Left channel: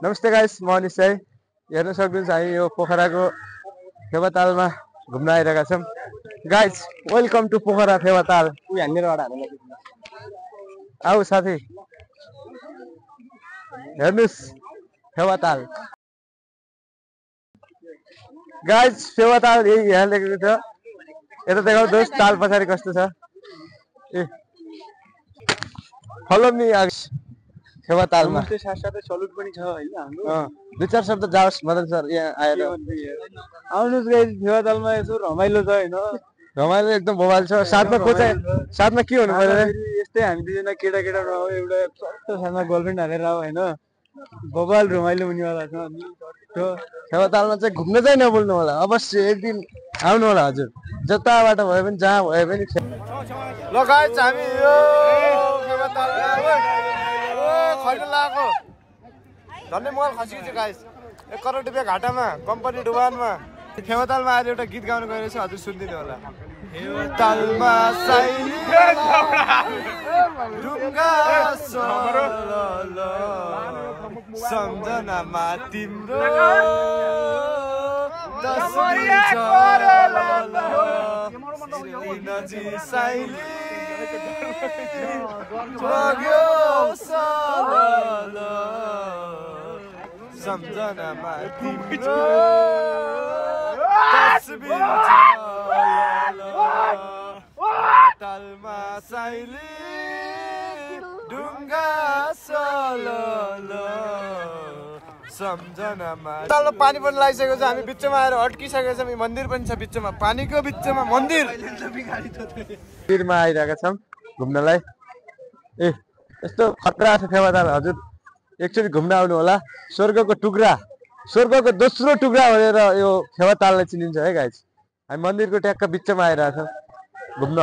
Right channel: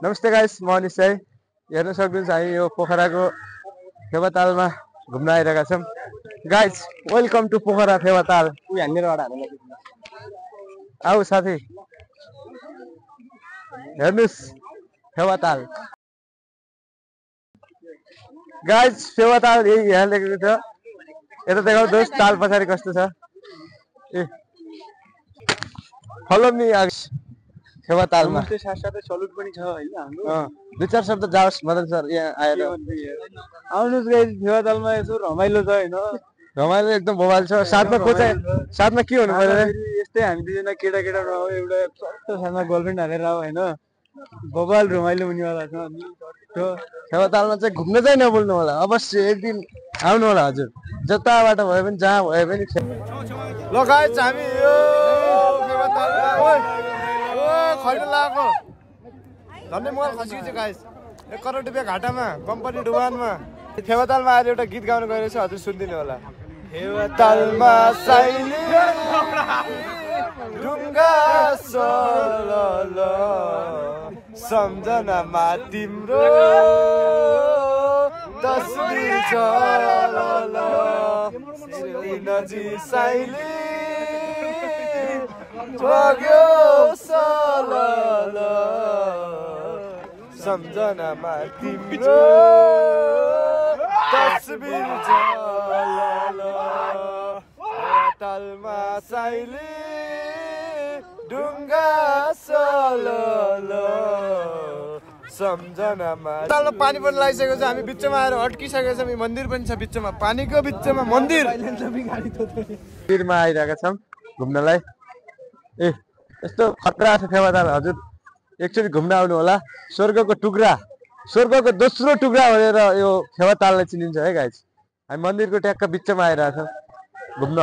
नमस्ते गाइस, म निश्चय हेर्न सक्नुहुन्छ हामी यो पोखराको फेवातालमा घुम्न आइरहेका छौं। Guys, welcome to Pokhara Phewatal. आऊ साथी हेर्नुस् फेवाताल। गाइस, फेवाताल यही यहाँ लेखेको छ। यता देखाउँनुहोस् ताल पछाडि कस्तो छ। ए फलो मी गाइस फेवातालमा। नमस्ते, साथसाथै सलुट पनि छ हैन हाम्रो। दुई चार शब्द जाओस् मदन सर यहाँ आएर। आउनुस् गाइस, फेवातालमा यसो रमाइलो छ हैन। रमाइलो एकदम बवाल छ। साथमा कोचा साथमा के हुनु पर्यो यस्तै हामी दुईजना केटा रहो, एउटा सस्तो साथमा गर्लफ्रेन्ड हालेर आऊ हैन। बवाल रमाइलो हुनेवाला छ। अनि फेवातालमा चाहिँ घुम्न चाहिँ नभुल्नु होला, अवश्य एक दिन आउनु होला हजुर। जताबाट भए पनि जहाँ भए पनि। ल गाइस, हामी यो फेवातालमा खैर लागेको धन्य मोबाइल खसिएको छ गाइस। 1 करोड रुपैयाँ घाटामा कम्पनी डुबानमा। फेवातालमा आएर एउटा गीत गाउनु गएको छ, हजुर सुनिदिनु होला। फेवातालमा साइली ढुङ्गा सलल सम्झनामा तिम्रो तस्बिर चलल नजी साइली जग्यो सलल सम्झनामा तिम्रो तस्बिर चलल फेवातालमा साइली ढुङ्गा सलल सम्झनामा। फेवातालमा पानी पनि लागिसकेको छ। हामी बिचमा आएर अड्किसकेको छौँ। मन्दिर पनि छ बिचमा, पानीको बिचमा मन्दिर। मन्दिरमा आइरहेका छौँ घुम्नलाई। ए यस्तो खतरा छ फेवाताल हजुर, एकचोटि घुम्न आउनु होला। स्वर्गको टुक्रा, स्वर्गको दोस्रो टुक्रा भनेर यो फेवाताललाई चिनिन्छ है गाइस। हामी मन्दिरको ट्याक्क बिचमा आइरहेका छौँ घुम्न।